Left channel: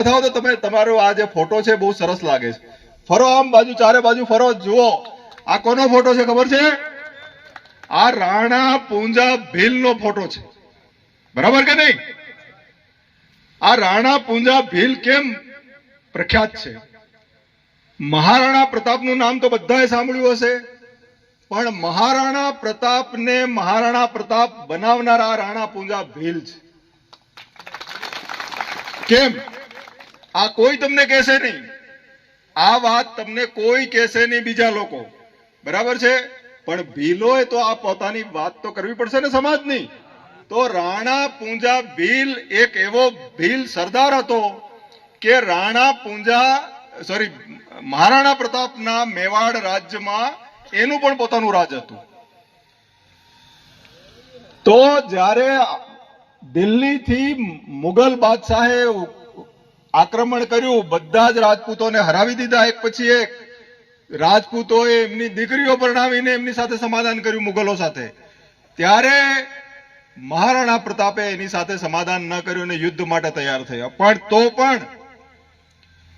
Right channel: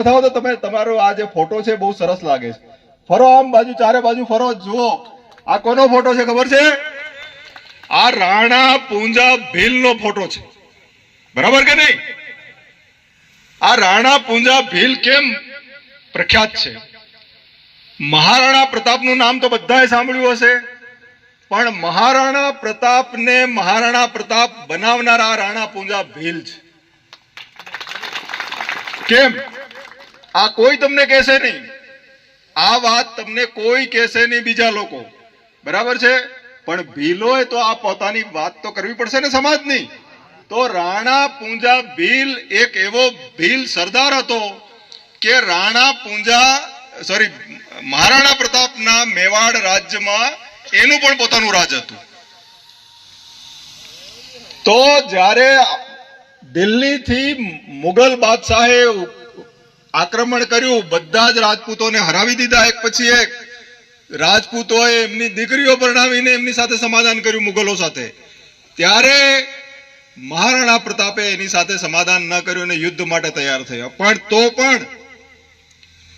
બતાવો તો તમે તમારો આ જે ફોટો છે બહુ સરસ લાગે છે. ફરો આમ બાજુ, ચારે બાજુ ફરો, જુઓ આ કોનો ફોટો છે ખબર છે? આ રાણા પૂંજા ભીલનો ફોટો છે, બરાબર કે નહીં? આ રાણા પૂંજા ભીલ કેમ પ્રખ્યાત છે? મહારાણા પ્રતાપનું નામ તો બધાએ સાંભળ્યું હશે, પણ મહારાણા પ્રતાપને મહારાણા પ્રતાપ બનાવનારા રાણા પૂંજા ભીલ છે. કેમ? આ કોઈ તમને કહેશે નહીં, આ વાત તમને કોઈ કહેશે નહીં, બીજા લોકો, બરાબર છે? પણ ભીલોએ તો આ પોતાની વાત તો કરવી પડશે ને સમાજની. તો રાણા પૂંજા ભીલ એક એવો ભીલ સરદાર હતો કે મહારાણા પ્રતાપના મેવાડ રાજ્યમાં એનું પણ પોતાનું રાજ હતું. તો જ્યારે દિલ્હીથી મુગલ બાદશાહે આક્રમણ કર્યું, બધા જ રાજપૂતોને હરાવી દીધા એક પછી એક. રાજપૂતોએ એમની દીકરીઓ પરણાવીને એમની સાથે સમાધાન કર્યું મુગલો સાથે. ત્યારે મહારાણા પ્રતાપે એની સાથે સમાધાન ન કર્યું અને યુદ્ધ માટે તૈયાર થયા. પણ તો પણ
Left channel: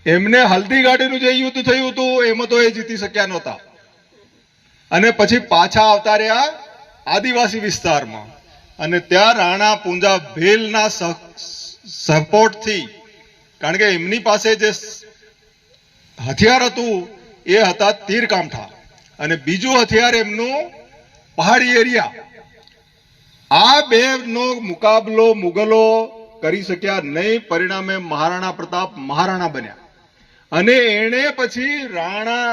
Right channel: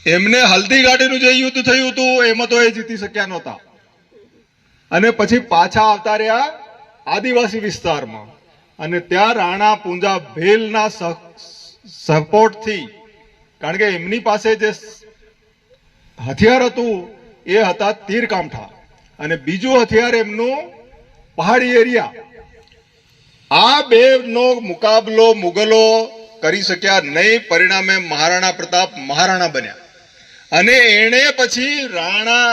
એમને હલ્દી ઘાટીનું જે યુદ્ધ થયું હતું એમાં તો એ જીતી શક્યા નહોતા, અને પછી પાછા આવતા રહ્યા આદિવાસી વિસ્તારમાં, અને ત્યાં રાણા પૂંજા ભીલના સપોર્ટથી, કારણ કે એમની પાસે જે હથિયાર હતું એ હતા તીરકામઠા, અને બીજું હથિયાર એમનું પહાડી એરિયા. આ બે નો મુકાબલો મુગલો કરી શક્યા નહીં. પરિણામે મહારાણા પ્રતાપ મહારાણા બન્યા, અને એણે પછી રાણા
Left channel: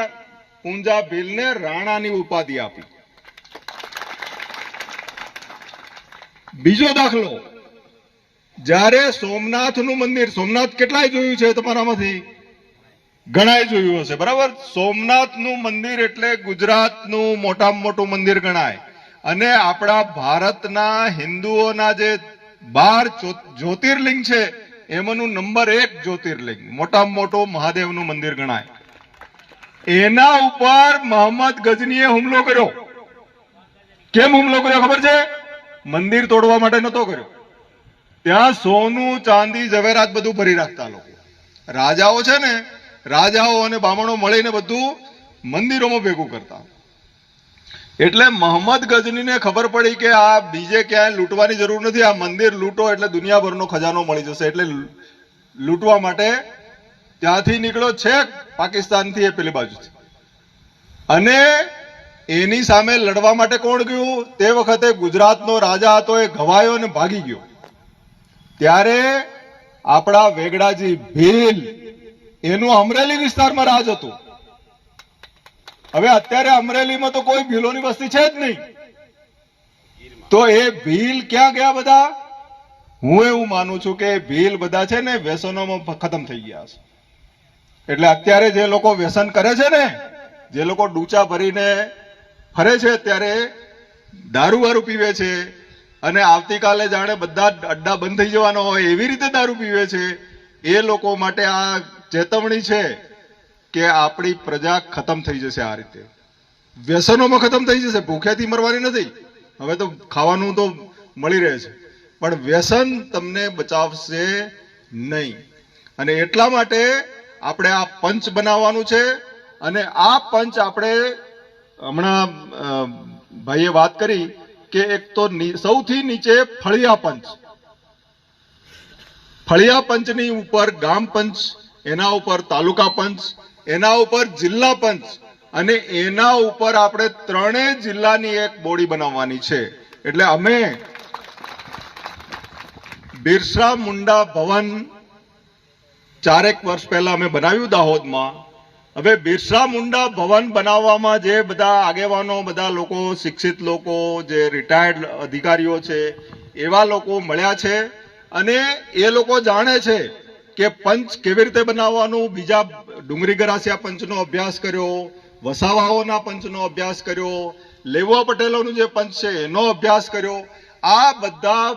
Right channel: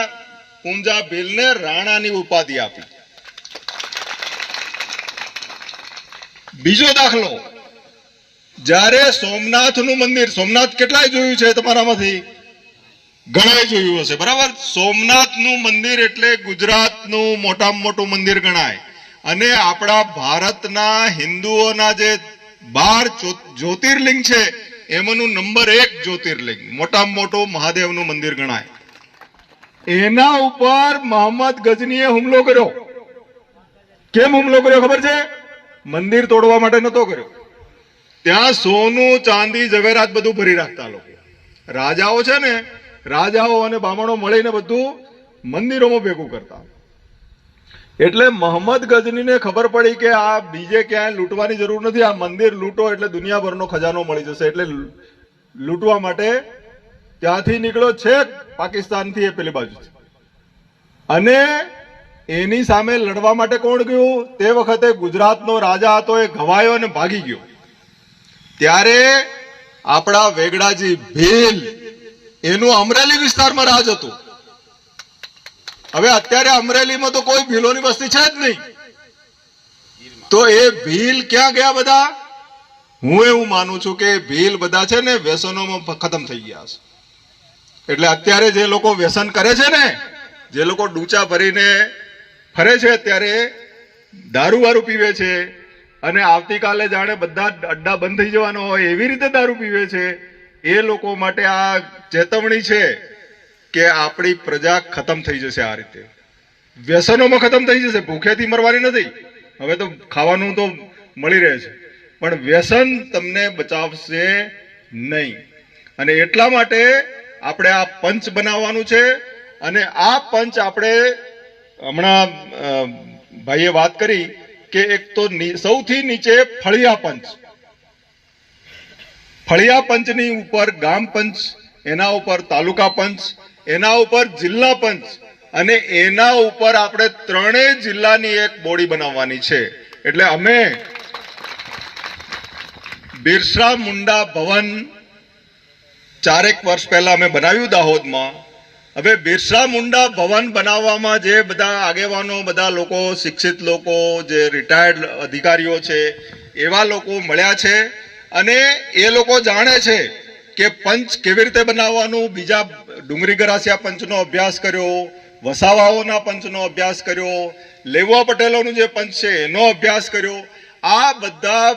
પૂંજા ભીલને રાણાની ઉપાધિ આપી. બીજો દાખલો, જ્યારે સોમનાથનું મંદિર, સોમનાથ કેટલાય જોયું છે તમારામાંથી? ઘણાય જોયું હશે, બરાબર? સોમનાથનું મંદિર એટલે ગુજરાતનું મોટામાં મોટું મંદિર ગણાય, અને આપણા ભારતના હિન્દુઓના જે 12 જ્યોતિર્લિંગ છે એમાંનું નંબર 1 જ્યોતિર્લિંગ, મોટામાં મોટું મહાદેવનું મંદિર ગણાય. એના ઉપર મોહમ્મદ ગજનીએ હુમલો કર્યો. કેમ હુમલો કર્યો ખબર છે? મંદિર તોડવા માટે નતો કર્યો. ત્યાં સોનું, ચાંદી, ઝવેરાત બધું ભરી રાખતા લોકો. રાજાઓ છે ને, રાજાઓ અને બામણો મળીને બધું મંદિરોમાં ભેગું કરતા. એટલે મોહમ્મદ ગજનીને ખબર પડી કે આ બીજે ક્યાંય લૂંટવાની જરૂર નથી, આ મંદિર લૂંટો એટલે દુનિયાભરનો ખજાનો મળી જશે. એટલે લૂંટવા માટે ત્યાંથી નીકળ્યો છે પાકિસ્તાનથી એ પેલી બાજુથી, અને એની સામે લડવા માટે કોણ ગયું? તે વખતે ગુજરાતનો રાજા હતો, એ ઘવાયો અને ભાગી ગયો. ત્યારે આપણા વેગડાજી ભીલ, એનું અમરેલી વિસ્તારમાં રાજ હતું. હવે અત્યારે અમરેલીમાં તો કોઈ ભીલોની વસ્તી છે જ નહીં. તો એ ભીલ ક્યાં ગયા બધા? હું એવું માનું છું કે ભીલ બધા છે ને વ્યસનોમાં ખતમ થઈ ગયા છે. એટલે અત્યારે જે લોકો વ્યસન કરે છે ને, જે લોકો ડૂચા ભરીને ફરે છે, અત્યારે દારૂ વારૂ પીવે છે, અને આવતીકાલે જાણે બધા અડ્ડા બંધ થઈ જવાનો હોય એવી રીતે દારૂ પીવે છે. એ લોકો માટે આ ચેતવણી છે કે આપણી પ્રજા ખતમ થઈ જશે. આ રીતે વ્યસનોમાં ખતમ થઈ જશે. ભૂખેથી મરવાની નથી, હવે તો ખાવાનું તો મળી રહે છે, પણ વ્યસન તમને બચાવશે નહીં. અને એટલા માટે આપણે આ પંચ બનાવવાનું છે. અને આ પંચ આપણે હમણાં ભાઈએ વાત કરી કે એક તો સૌથી નીચે ફળિયા પંચ, ફળિયા પંચની ઉપર ગામ પંચ, એના ઉપર તાલુકા પંચ, એના ઉપર જિલ્લા પંચ, અને એના ઉપર આપણે 3 જિલ્લાની એક બોડી બનાવવાની છે. એટલે અમે બિરસા મુંડા ભવન 4 વર્ષ પહેલા અમે બનાવ્યું દાહોદમાં. હવે બિરસા મુંડા ભવન બનાવવામાં જે બધા આગેવાનો, બધા લોકો, શિક્ષિત લોકો, જે રિટાયર્ડ અધિકારીઓ છે, એવા લોકો મળ્યા છે, અને એ લોકો જાણે છે કે પંચ કેવી રીતે બનાવવાનું. બીજા ડુંગરી ગરાસિયા પંચનો અભ્યાસ કર્યો, વસાવાઓના પંચનો અભ્યાસ કર્યો, લેવા પટેલોનું જે પંચ છે એનો અભ્યાસ કર્યો. આ બધા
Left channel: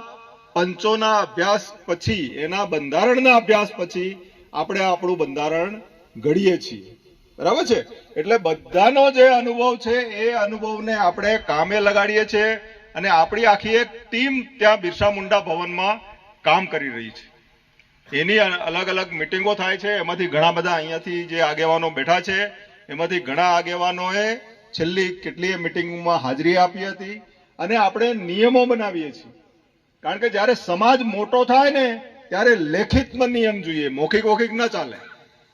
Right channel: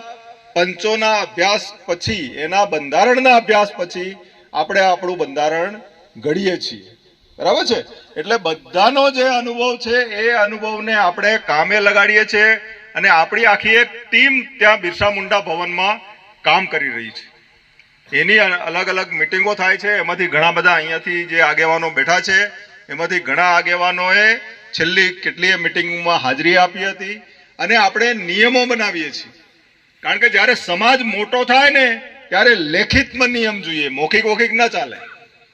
પંચોના અભ્યાસ પછી, એના બંધારણના અભ્યાસ પછી આપણે આપણું બંધારણ ઘડીએ છીએ, બરાબર છે? એટલે બધાનો જે અનુભવ છે એ અનુભવને આપણે કામે લગાડીએ છીએ, અને આપણી આખી એક ટીમ ત્યાં બિરસા મુંડા ભવનમાં કામ કરી રહી છે. એની અલગ અલગ મિટિંગો થાય છે. એમાંથી ઘણા બધા અહીંયાથી જે આગેવાનો બેઠા છે એમાંથી ઘણા આગેવાનોએ છેલ્લી કેટલીય મિટિંગમાં હાજરી આપી હતી. અને આપણે નિયમો બનાવીએ છીએ, કારણ કે જ્યારે સમાજ મોટો થાય ને ત્યારે લેખિતમાં નિયમ જોઈએ, મૌખિક ના ચાલે.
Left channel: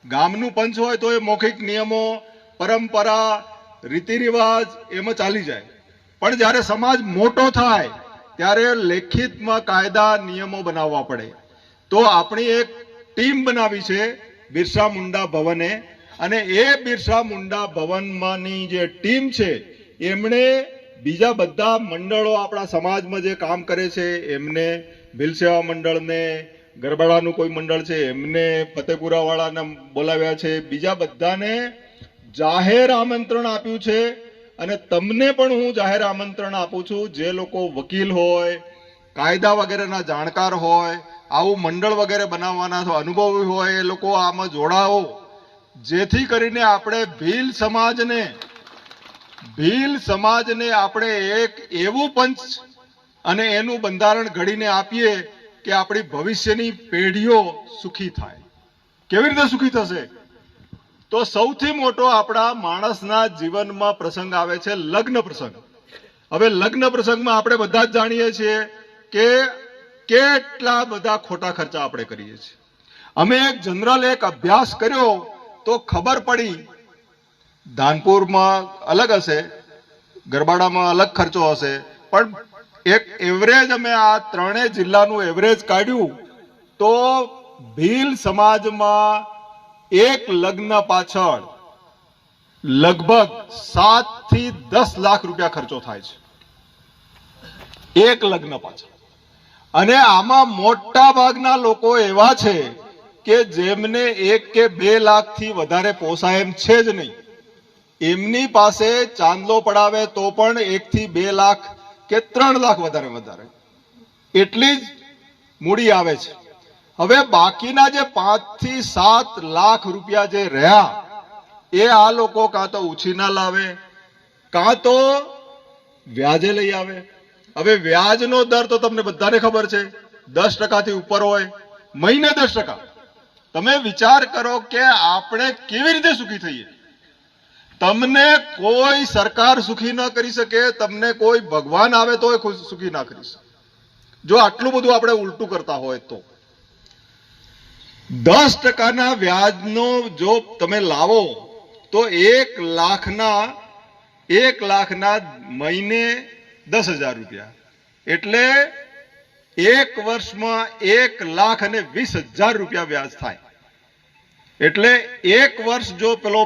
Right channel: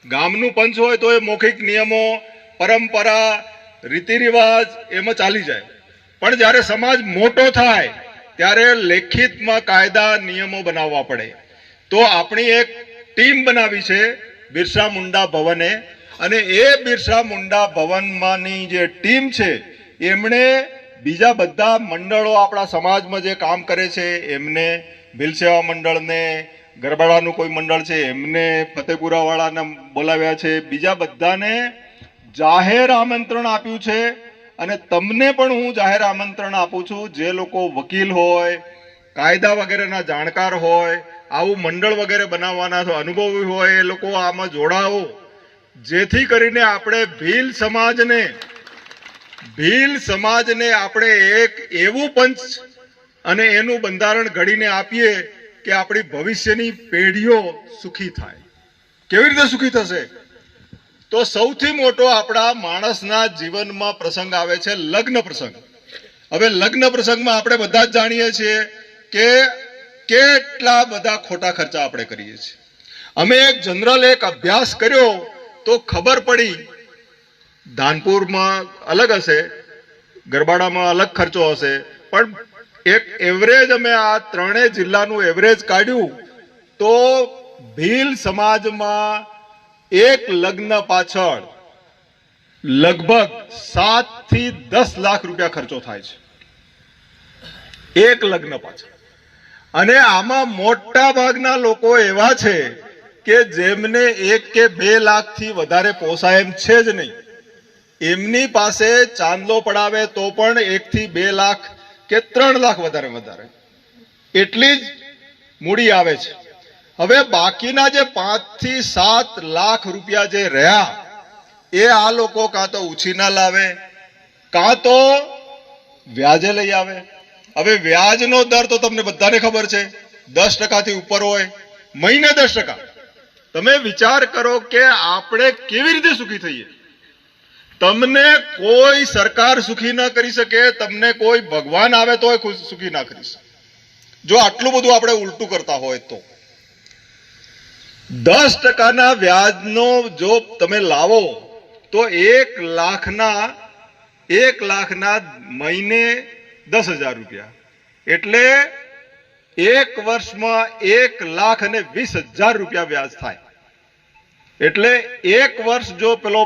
ગામનું પંચ હોય તો એ મૌખિક નિયમો, પરંપરા, રીતિ રિવાજ એમાં ચાલી જાય. પણ જ્યારે સમાજ મોટો થાય ત્યારે લેખિતમાં કાયદા નિયમો બનાવવા પડે. તો આપણી એક ટીમ બનાવી છે બિરસા મુંડા ભવને, અને એ બિરસા મુંડા ભવનમાંની જે ટીમ છે એમણે બીજા બધા મંડળો આપણા સમાજમાં જે કામ કરે છે એમને, ભીલ સેવા મંડળને, ગરબાડાનું કોઈ મંડળ છે એમને, ફતેપુરાવાળાને બોલાવ્યા છે, બીજા બધાને જાહેર આમંત્રણ આપ્યું છે. અને તમને પણ હું જાહેર આમંત્રણ આપું છું, જે લોકો વકીલ હોય, કાયદા વગેરેના જાણકાર હોય, આવું મંડળ વગેરે બનાવવાના અનુભવી હોય, એ લોકો આમાં જોડાઓ, જેથી કરીને આપણે ભીલ સમાજને આપણે એક એવું પંચ અને એનું બંધારણ ઘડીને આપીએ કે આપણી ભવિષ્યની પેઢીઓ સુખી થાય. કેવી રીતે સુખી થશે? તો સૌથી મોટો આપણા માણસના જીવનમાં પ્રસંગ આવે છે લગ્ન પ્રસંગ. હવે લગ્ન પ્રસંગમાં આપણે બધા જ જાણીએ છીએ કે કેટલા બધા ખોટા ખર્ચા આપણે કરીએ છીએ. અમે એક અભ્યાસ કર્યો તો ખબર પડી, ધાનપુરમાં અલગ હશે, ગરબાડામાં અલગ ખર્ચો હશે, પણ એક એવરેજ અમે આ ત્રણેય જિલ્લાનું એવરેજ કાઢ્યું તો ભીલ સમાજમાં એક લગ્ન પાછળ લગભગ 7 થી 10 લાખ રૂપિયા ખર્ચો થાય છે, એક લગ્ન પાછળ. અને આમાં મોટા ભાગના લોકો એવા છે કે જેમને 1 કે 2 લાખથી વધારે પોસાય એમ છે જ નહીં. એમની પાસે ચાંદલો પડાવે તો પણ 1 થી 2 લાખ કે 3 લાખ વધારે એટલી જ મૂડી આવે છે. હવે બાકીના જે 5 થી 7 લાખ રૂપિયા જે રહ્યા એ આ લોકો કાં તો ઉછીના લાવે, કાં તો વ્યાજે લઈ આવે. હવે વ્યાજનો દર તો તમને બધાને ખબર છે, 10% થી ઉપર હોય, મહિને 10%. તમે વિચાર કરો કે આપણે કેવી રીતે સુખી થઈએ. તમને કોઈ સરકાર સુખી ન કરી શકે, તમને કોઈ ભગવાન આવે તો સુખી ના કરી શકે, જો આટલું બધું આપણે ઉલટું કરતા હોય તો. 10%ના વ્યાજનો જો તમે લાવો તો 1 લાખના મહિને 10,000 રૂપિયા, એટલે 1 વર્ષમાં 1,20,000 રૂપિયા વ્યાજ થાય. એટલે 1 વર્ષ જો પેલો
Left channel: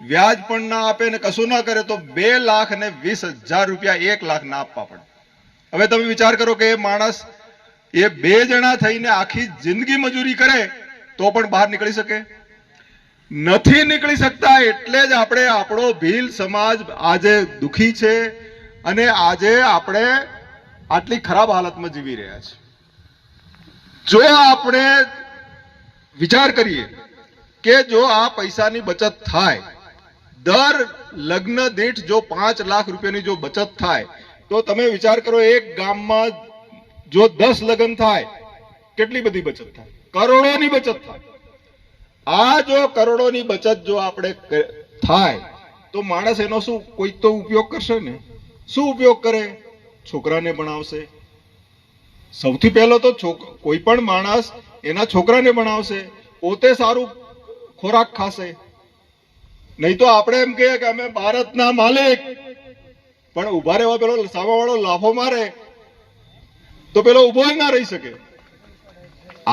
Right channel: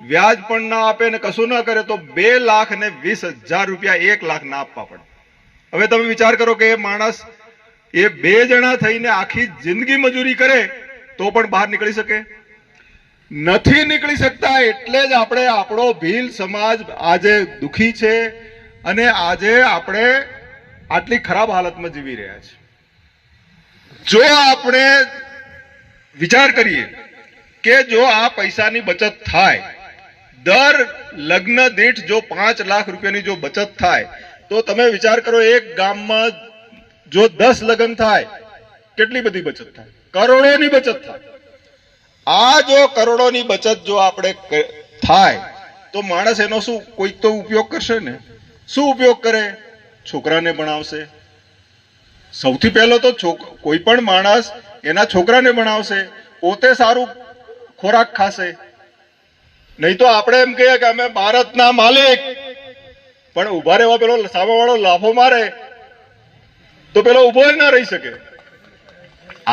વ્યાજ પણ ના આપે ને કશું ના કરે તો 2,20,000 રૂપિયા 1 લાખ ના આપવા પડે. હવે તમે વિચાર કરો કે એ માણસ, એ 2 જણા થઈને આખી જિંદગી મજૂરી કરે તો પણ બહાર નીકળી શકે? નથી નીકળી શકતા. એટલે જ આપણે આપણો ભીલ સમાજ આજે દુખી છે અને આજે આપણે આટલી ખરાબ હાલતમાં જીવી રહ્યા છે. જો આપણે વિચાર કરીએ કે જો આ પૈસાની બચત થાય, દર લગ્ન દીઠ જો 5 લાખ રૂપિયાની જો બચત થાય તો તમે વિચાર કરો, એક ગામમાં જો 10 લગ્ન થાય કેટલી બધી બચત થાય? કરોડોની બચત થાય. આ જો કરોડોની બચત જો આપણે થાય તો માણસ એનો શું કોઈક તો ઉપયોગ કરશે ને. શું ઉપયોગ કરે? છોકરાને ભણાવશે. સૌથી પહેલો તો કોઈ પણ માણસ એના છોકરાને ભણાવશે, પોતે સારું ખોરાક ખાશે. નહીં તો આપણે એમ કહીએ કે અમે ભારતના માલિક, પણ ઉભા રહેવા પેલો સામેવાળો લાફો મારે તો પેલો ઉભો જ ના રહી શકે.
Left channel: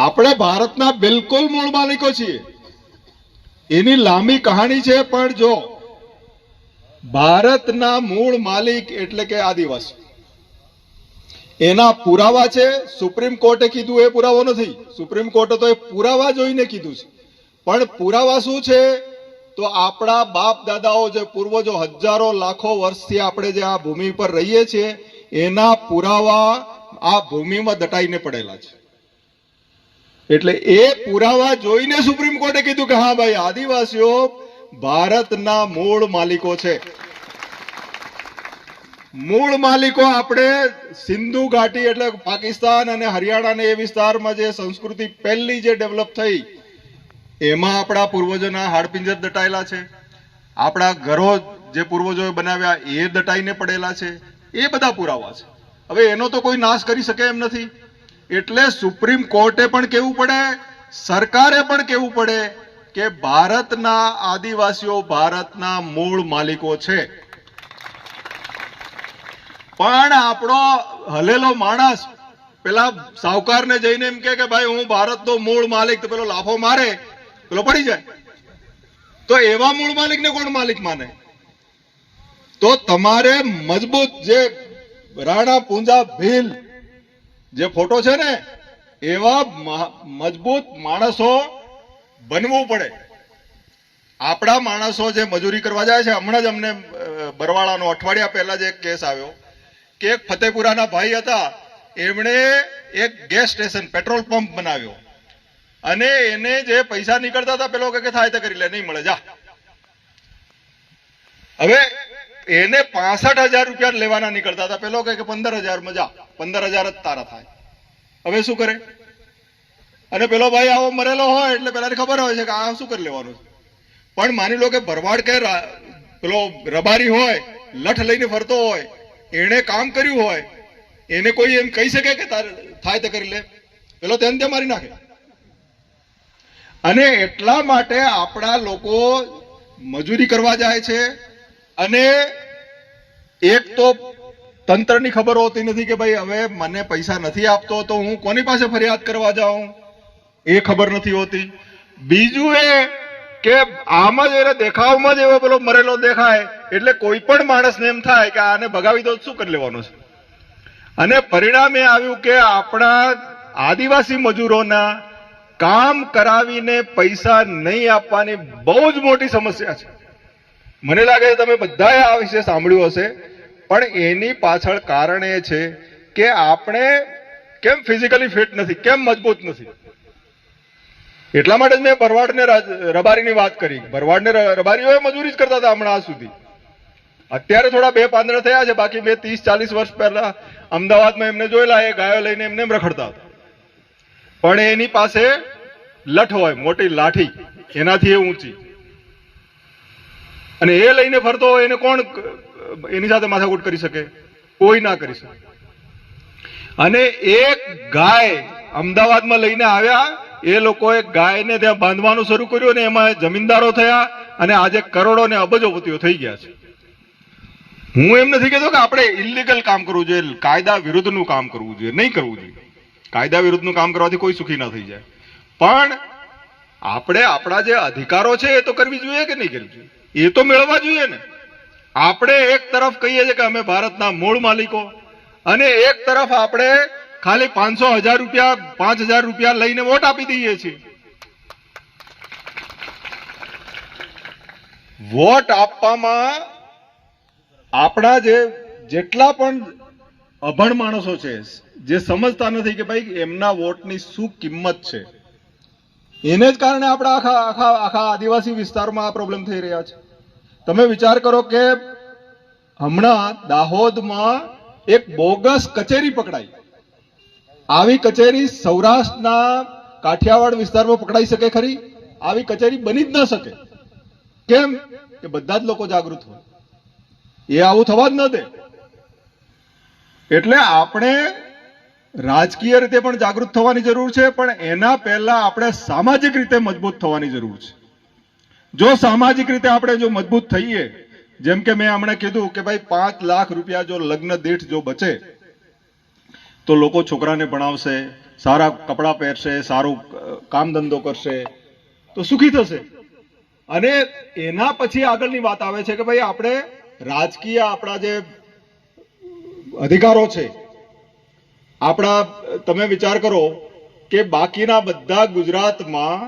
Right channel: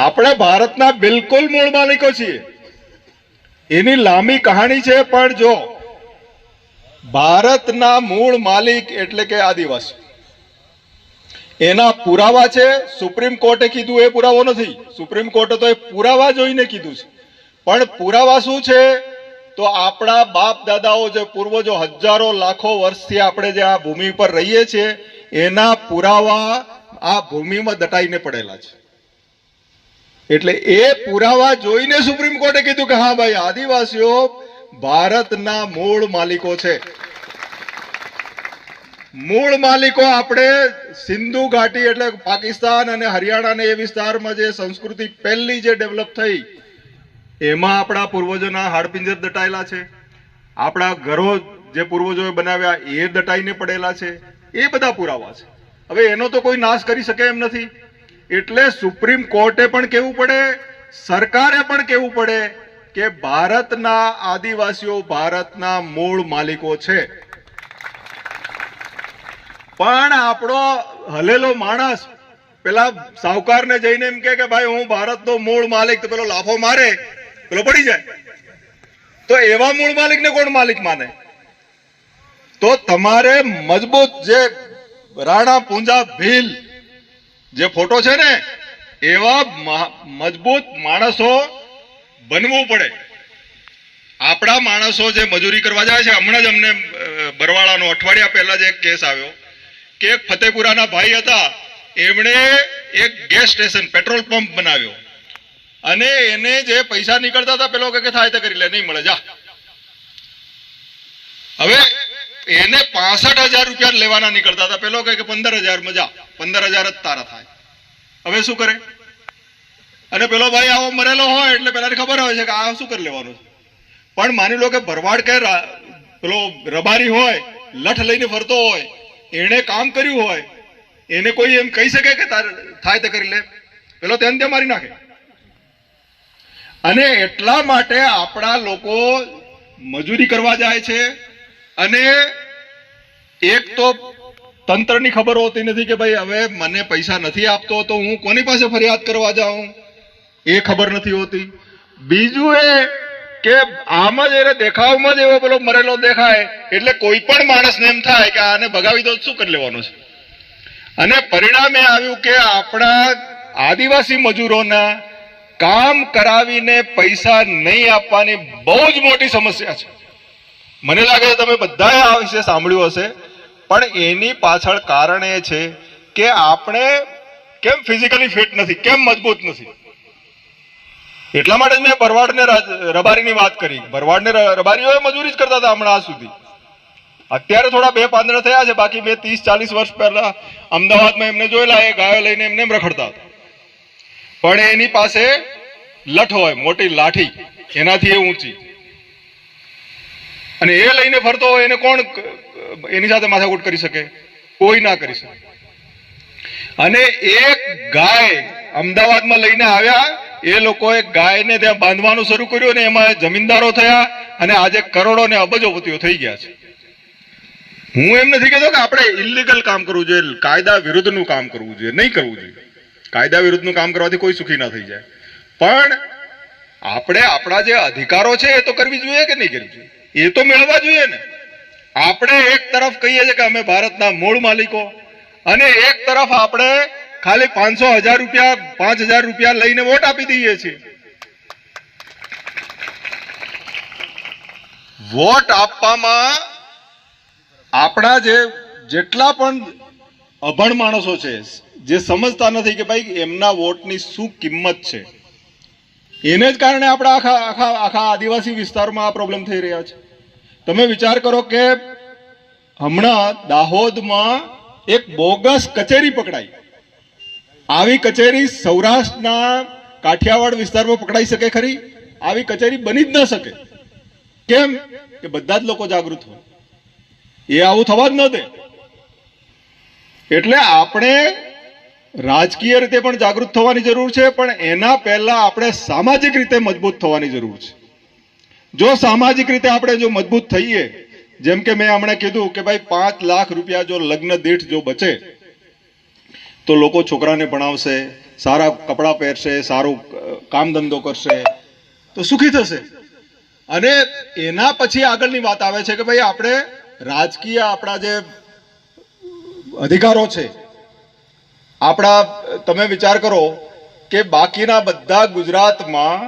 આપણે ભારતના બિલકુલ મૂળ માલિકો છીએ. એની લાંબી કહાણી છે, પણ જો ભારતના મૂળ માલિક એટલે કે આદિવાસી, એના પુરાવા છે. સુપ્રીમ કોર્ટે કીધું એ પુરાવો નથી. સુપ્રીમ કોર્ટે તો એ પુરાવા જોઈને કીધું છે. પણ પુરાવા શું છે? તો આપણા બાપ દાદાઓ, જે પૂર્વજો હજારો લાખો વર્ષથી આપણે જે આ ભૂમિ પર રહીએ છીએ એના પુરાવા આ ભૂમિમાં દટાઈને પડેલા છે. એટલે એ પુરાવા જોઈને સુપ્રીમ કોર્ટે કીધું કે હા ભાઈ, આદિવાસીઓ ભારતના મૂળ માલિકો છે. મૂળ માલિકો આપણે સિંધુ ઘાટી એટલે પાકિસ્તાન અને હરિયાણા ને એ વિસ્તારમાં જે સંસ્કૃતિ પહેલી જે ડેવલપ થઈ એમાં આપણા પૂર્વજોના હાડપિંજર દટાયેલા છે, આપણા ઘરો જે પૂર્વજોએ બનાવ્યા એ દટાઈને પડેલા છે, એ બધા પુરાવા છે. હવે એનો તો કોઈ નાશ કરી શકે એમ નથી. એટલે સુપ્રીમ કોર્ટે પણ કહેવું પડે, સરકારે પણ કહેવું પડે કે ભારતના આદિવાસીઓ ભારતના મૂળ માલિકો છે. પણ આપણો હલેલો માણસ પેલા સાહુકારને જઈને એમ કે ભાઈ હું ભારતનો મૂળ માલિક, તો પેલો લાફો મારે, પેલો પડી જાય. તો એવા મૂળ માલિકને કોણ માલિક માને? તો તમારે મજબૂત જે રાણા પૂંજા ભીલ જે ફોટો છે ને એવા મજબૂત માણસો બનવું પડે. આપણા માણસો જે મજૂરી કરવા જાય છે, હમણાં જ અમને બરવાળાનો અઠવાડિયા પહેલા જ એક કેસ આવ્યો કે એક ફતેપુરાના ભાઈ હતા, એમણે એક ગેસ સ્ટેશન પેટ્રોલ પંપ બનાવ્યો અને એને જે પૈસા નીકળતા હતા પેલો કે થાય તો કરી લે, નહીં મળે જા. હવે એને 65,000 રૂપિયા લેવાના નીકળતા હતા, પેલો કે 15,000 માં જા, 15,000 જ તારા થાય. હવે શું કરે? અને પેલો ભાઈ આવો મરેલો હોય એટલે પેલાને ખબર હોય છે કે આ શું કરી લેવાનું છે. પણ માની લો કે ભરવાડ કે પેલો રબારી હોય, લઠ લઈને ફરતો હોય, એને કામ કર્યું હોય, એને કોઈ એમ કહી શકે કે થાય તો કરી લે? પેલો તેને તે મારી નાખે. અને એટલા માટે આપણા લોકો મજૂરી કરવા જાય છે. અને એક તો તંત્રની ખબર હોતી નથી કે ભાઈ હવે મને પૈસા નથી આપતો તો હું કોની પાસે ફરિયાદ કરવા જાઉં, એ ખબર નથી હોતી. બીજું એ કે આમાં જ એને દેખાવમાં જ એવો પેલો મરેલો દેખાય એટલે કોઈ પણ માણસને એમ થાય કે આને ભગાવી દો શું કરી લેવાનું છે. અને પરિણામે આવ્યું કે આપણા આદિવાસી મજૂરોના કામ કરાવીને પૈસા નહીં આપવાની બહુ જ મોટી સમસ્યા છે. મને લાગે છે તમે બધાએ આ વિશે સાંભળ્યું હશે. પણ એની પાછળ કારણ એ છે કે આપણે કેમ ફિઝિકલી ફિટ નથી, કેમ મજબૂત નથી. એટલા માટે જ મેં ભરવાડને રબારીની વાત કરી. ભરવાડને રબારીઓએ મજૂરી જ કરતા હતા હમણાં સુધી. અત્યારે થોડા બે પાંદડા થયા છે, બાકી 30-40 વર્ષ પહેલા અમદાવાદમાં એમને જોયેલા, એ ગાયો લઈને એમને રખડતા હતા. પણ એની પાસે લઠ હોય, મોટી લાઠી, એનાથી એ ઊંચી, અને એ લઈને ફરતો હોય એને કોણ એની સાથે માથાકૂટ કરી શકે? કોઈ ના કરી શકે. અને એક ગાય અમદાવાદમાં લઈને આવ્યા, એ લોકોએ ગાયને ત્યાં બાંધવાનું શરૂ કર્યું અને એમાં જમીનદારો થયા અને આજે કરોડો ને અબજોપતિઓ થઈ ગયા છે. હું એમ નથી કહેતો કે આપણે ઇલીગલ કામ કરવું જોઈએ, કાયદા વિરુદ્ધનું કામ કરવું જોઈએ, નહીં કરવું જોઈએ. કાયદા વિરુદ્ધનું કામ કરવાથી કોઈ સુખી ના થઈ જાય. પણ આપણે આપણા જે અધિકારો છે એ તો કરવી જોઈએ કે નહીં કરવી જોઈએ? એ તો મેળવવા જોઈએ ને. આપણે એક તરફ કહીએ છીએ કે અમે ભારતના મૂળ માલિકો, અને એક તરફ આપણે ખાલી 500,000 રૂપિયા 5,000 રૂપિયા લઈને વોટ આપી દઈએ છીએ. વોટ આપવામાં આપણા જેટલા પણ અભણ માણસો છે, જે સમજતા નથી કે ભાઈ એમના વોટની શું કિંમત છે, એને જ કારણે આપણા આખા આદિવાસી વિસ્તારમાં આ પ્રોબ્લેમ થઈ રહ્યા છે. તમે વિચાર કરો કે હમણાં દાહોદમાં એક બોગસ કચેરી પકડાઈ. આવી કચેરી સૌરાષ્ટ્રના કાઠિયાવાડ વિસ્તારમાં પકડાઈ શકે ખરી? આવી કચેરી બની જ ન શકે. કેમ? કે બધા જ લોકો જાગૃત હોય. એ આવું થવા જ ન દે. એટલે આપણે રાજકીય રીતે પણ જાગૃત થવાની જરૂર છે, પણ એના પહેલા આપણે સામાજિક રીતે મજબૂત થવાની જરૂર છે. જો સામાજિક રીતે આપણે જો મજબૂત થઈએ, જેમ કે મેં હમણાં કીધું કે ભાઈ 5 લાખ રૂપિયા જો લગ્ન દીઠ જો બચે તો લોકો છોકરાને ભણાવશે, સારા કપડાં પહેરશે, સારું કામ ધંધો કરશે તો સુખી થશે. અને એના પછી આગળની વાત આવે છે કે ભાઈ આપણે રાજકીય આપણા જે અધિકારો છે આપણા, તમે વિચાર કરો કે બાકીના બધા ગુજરાતમાં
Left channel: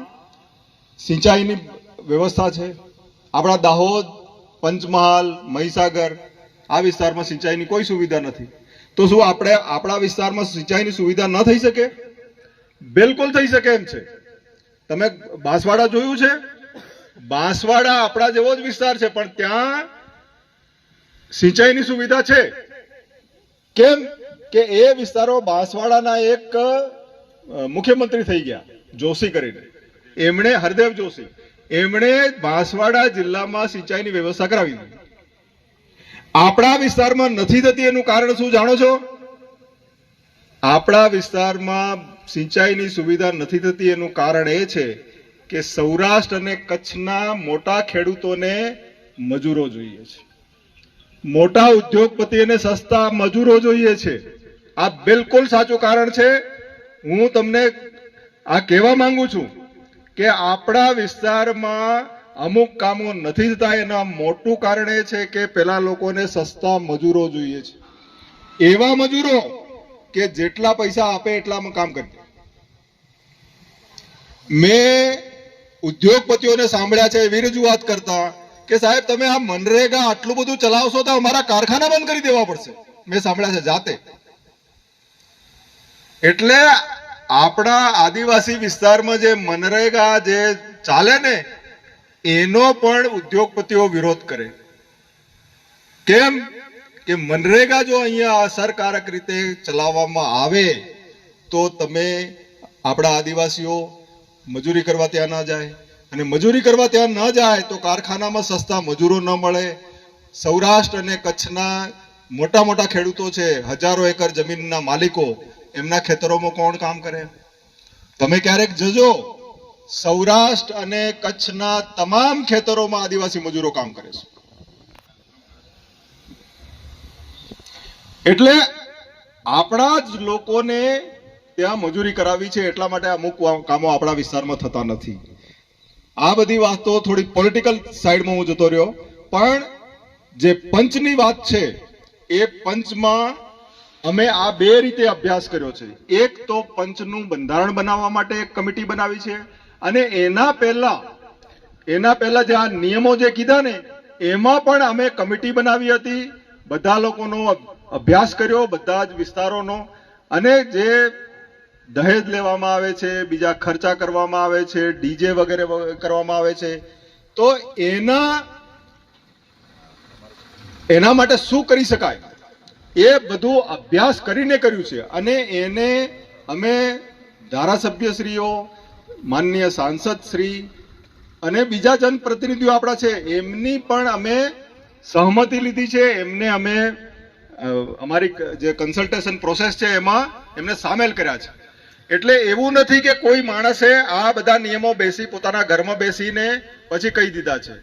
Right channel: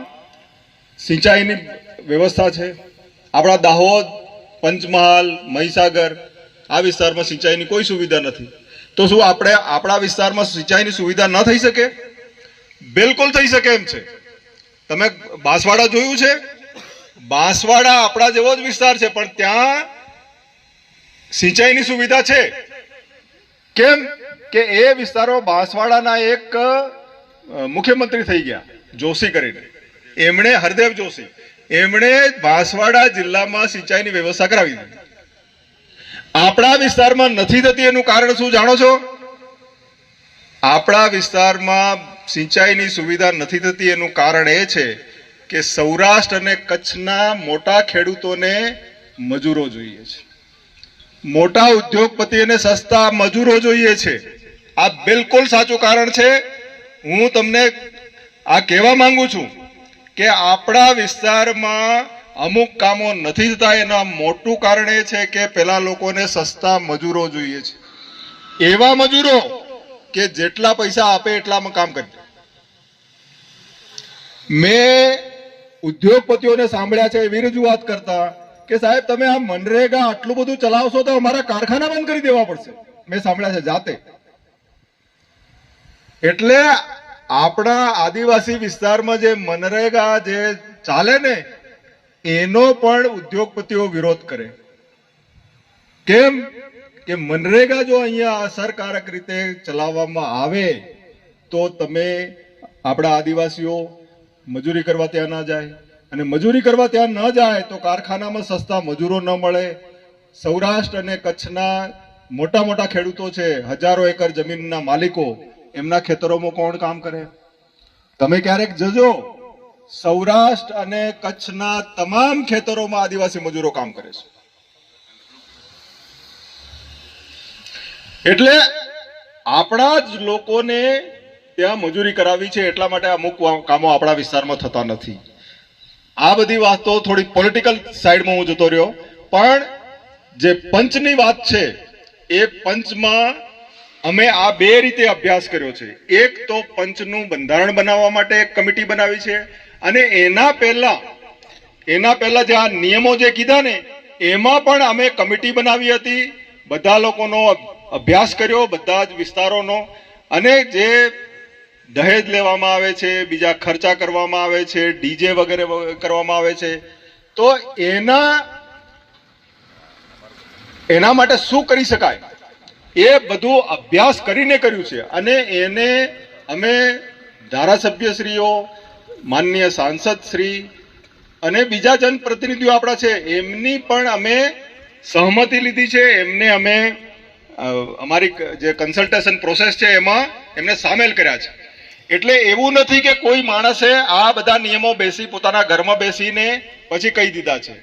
સિંચાઈની વ્યવસ્થા છે. આપણા દાહોદ, પંચમહાલ, મહીસાગર આ વિસ્તારમાં સિંચાઈની કોઈ સુવિધા નથી. તો શું આપણે આપણા વિસ્તારમાં સિંચાઈની સુવિધા ન થઈ શકે? બિલકુલ થઈ શકે એમ છે. તમે બાંસવાડા જોયું છે? બાંસવાડા આપણા જેવો જ વિસ્તાર છે, પણ ત્યાં સિંચાઈની સુવિધા છે. કેમ કે એ વિસ્તારો બાંસવાડાના એક મુખ્યમંત્રી થઈ ગયા જોશી કરીને, એમણે હરદેવ જોશી, એમણે બાંસવાડા જિલ્લામાં સિંચાઈની વ્યવસ્થા કરાવી દીધી. આપણા વિસ્તારમાં નથી થતી એનું કારણ શું જાણો છો? આપણા વિસ્તારમાં સિંચાઈની સુવિધા નથી થતી એનું કારણ એ છે કે સૌરાષ્ટ્ર અને કચ્છના મોટા ખેડૂતોને મજૂરો જોઈએ છે, મોટા ઉદ્યોગપતિઓને સસ્તા મજૂરો જોઈએ છે. આ બિલકુલ સાચું કારણ છે. હું તમને આ કહેવા માંગુ છું કે આપણા વિસ્તારમાં અમુક કામો નથી થતા એના મોટું કારણ એ છે કે પેલા લોકોને સસ્તા મજૂરો જોઈએ છે, એવા મજૂરો કે જેટલા પૈસા આપે એટલામાં કામ કરે. મેં ઉદ્યોગપતિઓને સાંભળ્યા છે એવી રજૂઆત કરતા કે સાહેબ તમે આ મનરેગા આટલું બધું ચલાવશો તો અમારા કારખાના બંધ કરી દેવા પડશે. મેં સાંભળ્યા છે જાતે. એટલે આપણા આદિવાસી વિસ્તારમાં જે મનરેગા જે ચાલે ને એનો પણ ઉદ્યોગપતિઓ વિરોધ કરે. કેમ કે મનરેગા જો અહીંયા અસરકારક રીતે ચલાવવામાં આવે તો તમે આપણા આદિવાસીઓ મજૂરી કરવા ત્યાં ના જાય, અને મજૂરી કરવા ત્યાં ન જાય તો કારખાનામાં સસ્તા મજૂરો ન મળે. સૌરાષ્ટ્ર અને કચ્છના મોટા મોટા ખેડૂતો છે, હજારો એકર જમીનના માલિકો, એમના ખેતરોમાં કોણ કામ કરે? તમે ક્યારેક જજો, સૌરાષ્ટ્ર અને કચ્છના તમામ ખેતરોમાં આદિવાસી મજૂરો કામ કરે છે. એટલે આપણા જ લોકોને ત્યાં મજૂરી કરાવી છે, એટલા માટે અમુક કામો આપણા વિસ્તારમાં થતા નથી. આ બધી વાતો થોડી પોલિટિકલ સાઈડમાં હું જતો રહ્યો, પણ જે પંચની વાત છે એ પંચમાં અમે આ બે રીતે અભ્યાસ કર્યો છે. એક તો પંચનું બંધારણ બનાવવા માટે એક કમિટી બનાવી છે, અને એના પહેલા જે આ નિયમો જે કીધા ને એમાં પણ અમે કમિટી બનાવી હતી. બધા લોકોનો અભ્યાસ કર્યો, બધા જ વિસ્તારોનો. અને જે દહેજ લેવામાં આવે છે, બીજા ખર્ચા કરવામાં આવે છે, ડીજે વગેરે કરવામાં આવે છે, તો એના માટે શું કરી શકાય એ બધું અભ્યાસ કરીને કર્યું છે. અને એને અમે ધારાસભ્યશ્રીઓ, માનનીય સાંસદ શ્રી અને બીજા જનપ્રતિનિધિઓ આપણા છે એમની પણ અમે સહમતિ લીધી છે. એમને અમે અમારી જે કન્સલ્ટેશન પ્રોસેસ છે એમાં એમને સામેલ કર્યા છે. એટલે એવું નથી કે કોઈ માણસે આ બધા નિયમો પોતાના ઘરમાં બેસીને પછી કહી દીધા છે.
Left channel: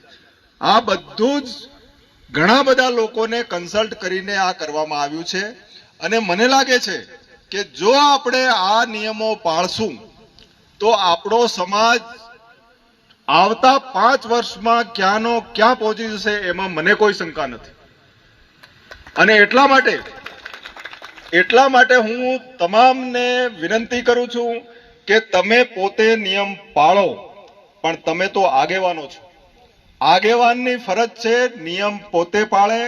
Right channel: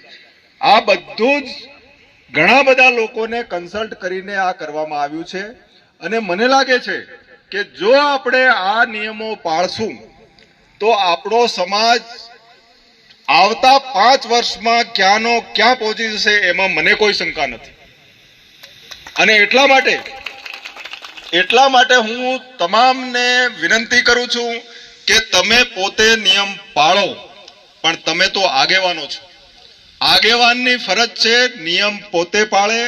આ બધું જ ઘણા બધા લોકોને કન્સલ્ટ કરીને આ કરવામાં આવ્યું છે. અને મને લાગે છે કે જો આપણે આ નિયમો પાળશું તો આપણો સમાજ આવતા 5 વર્ષમાં ક્યાંનો ક્યાં પહોંચી જશે એમાં મને કોઈ શંકા નથી. અને એટલા માટે હું તમામને વિનંતી કરું છું કે તમે પોતે નિયમ પાળો, પણ તમે તો આગેવાનો છો. આગેવાનની ફરજ છે નિયમ પોતે પાળે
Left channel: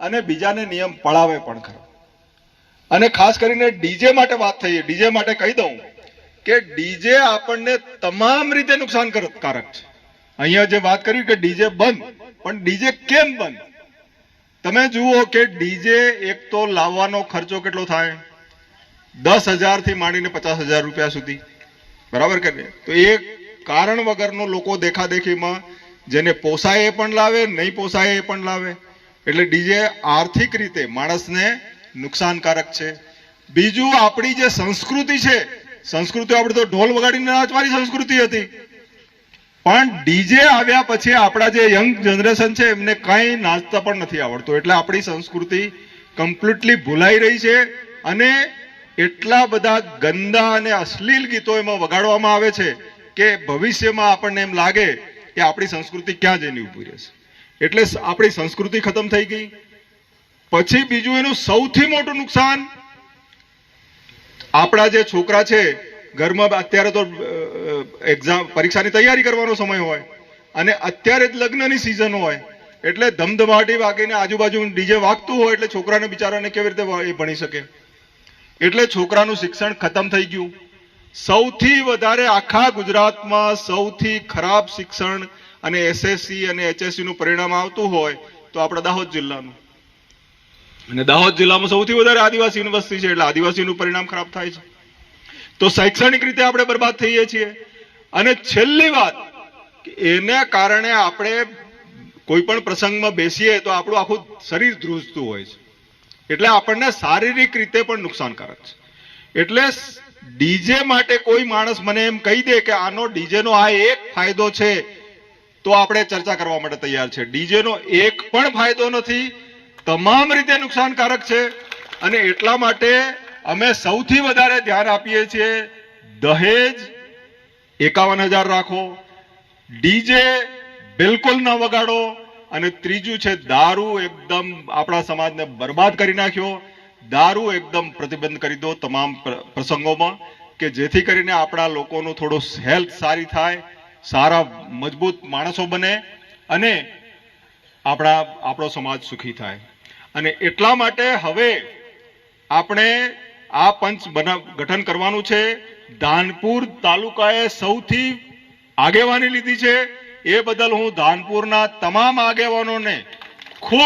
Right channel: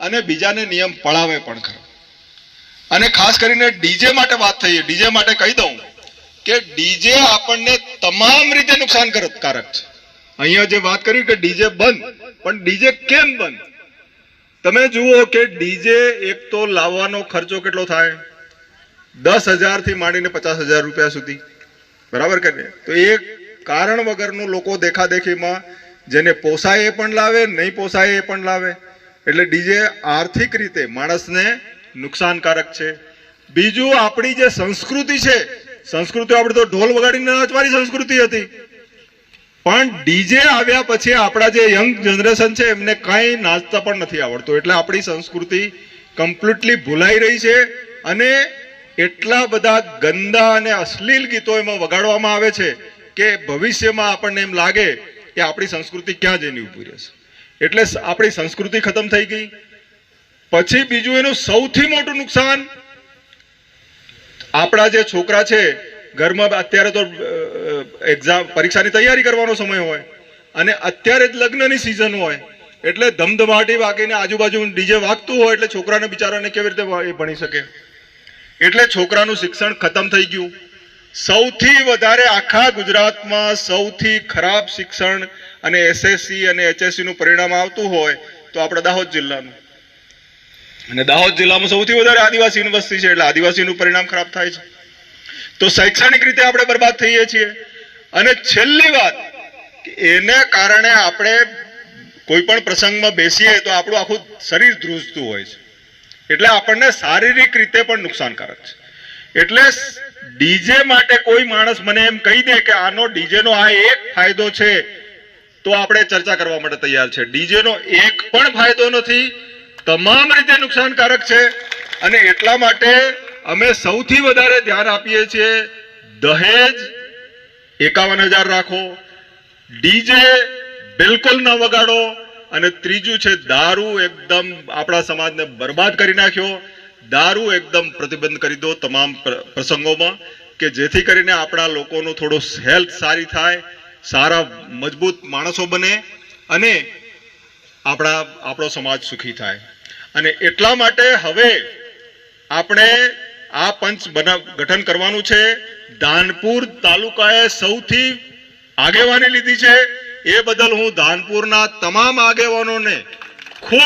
અને બીજાને નિયમ પળાવે પણ ખરો. અને ખાસ કરીને ડીજે માટે વાત થઈ. ડીજે માટે કહી દઉં કે ડીજે આપણને તમામ રીતે નુકસાનકારક છે. અહીંયા જે વાત કરી કે ડીજે બંધ, પણ ડીજે કેમ બંધ? તમે જુઓ કે ડીજે એક તો લાવવાનો ખર્ચો કેટલો થાય, 10,000 થી માંડીને 50,000 રૂપિયા સુધી, બરાબર કે નહીં? તો એ કારણ વગરનું લોકો દેખાદેખીમાં જેને પોસાય એ પણ લાવે, નહીં પોસાય એ પણ લાવે. એટલે ડીજે આર્થિક રીતે માણસને નુકસાનકારક છે. બીજું આપણી જે સંસ્કૃતિ છે, સંસ્કૃતિ આપણે તો ઢોલ વગાડીને નાચવાની સંસ્કૃતિ હતી, પણ ડીજે આવ્યા પછી આપણા જે યંગ જનરેશન છે એમને કાંઈ નાચતા પણ નથી આવડતું. એટલે આપણી સંસ્કૃતિ કમ્પ્લીટલી ભૂલાઈ રહી છે. અને એટલા બધા ગંદા અને અશ્લીલ ગીતો એમાં વગાડવામાં આવે છે કે ભવિષ્યમાં આપણને એમ લાગે કે આપણી સંસ્કૃતિ ક્યાં જઈને ઊભી રહેશે. એટલે આપણી સંસ્કૃતિ ખતમ થઈ ગઈ. પછી બીજું એનું સૌથી મોટું નુકસાન, આપણા જે છોકરા છે ઘરમાં અત્યારે તો પરીક્ષાની તૈયારી કરવાનો સમય હોય અને અત્યારે જ લગ્નની સિઝન હોય, એટલે ધમધમાટી વાગીને આજુબાજુ ડીજે વાગતું હોય એટલે છોકરાને બિચારાને કેવી રીતે ભણી શકે? એટલે છોકરાનું શિક્ષણ ખતમ થઈ ગયું. સૌથી વધારે આખા ગુજરાતમાં સૌથી ખરાબ શિક્ષણ અને એસએસસી અને એચએસસી નું પરિણામ આવતું હોય તો આપણા દાહોદ જિલ્લાનું. અને દાહોદ જિલ્લામાં સૌથી વધારે આદિવાસી યુનિવર્સિટી છે, એટલે આદિવાસીનું પરિણામ ખરાબ થાય છે. તો શૈક્ષણિક રીતે આપણે બરબાદ થઈએ છીએ. અને છેલ્લી વાત, એને કારણે આપણે કોઈ પણ પ્રસંગમાં બેસીએ તો આપણું આખું શરીર ધ્રુજતું હોય છે, એટલે આપણને શારીરિક રીતે પણ નુકસાનકારક છે. એટલે ડીજે માટે કોઈ માણસ મને એમ કહી દે કે આનો ડીજેનો આ એક ફાયદો છે, તો આપણે ચર્ચા કરવા માટે તૈયાર છે. ડીજેનો એક પણ ફાયદો નથી, તમામ રીતે નુકસાનકારક છે. અને એટલા માટે અમે સૌથી વધારે ધ્યાન આપીએ છીએ દહેજ 51,000 રાખો, ડીજે બિલકુલ ન વગાડો, અને ત્રીજું છે દારૂ. એકદમ આપણા સમાજને બરબાદ કરી નાખ્યો. દારૂ એકદમ પ્રતિબંધ કરી દો તમામ પ્રસંગોમાં, કે જેથી કરીને આપણા લોકોનું થોડું હેલ્થ સારી થાય, સારા મજબૂત માણસો બને અને આપણો સમાજ સુખી થાય. અને એટલા માટે હવે આપણે આ પંચ ગઠન કરવાનું છે. ધાનપુર તાલુકાએ સૌથી આગેવાની લીધી છે, એ બદલ હું ધાનપુરના તમામ આગેવાનોને ખૂબ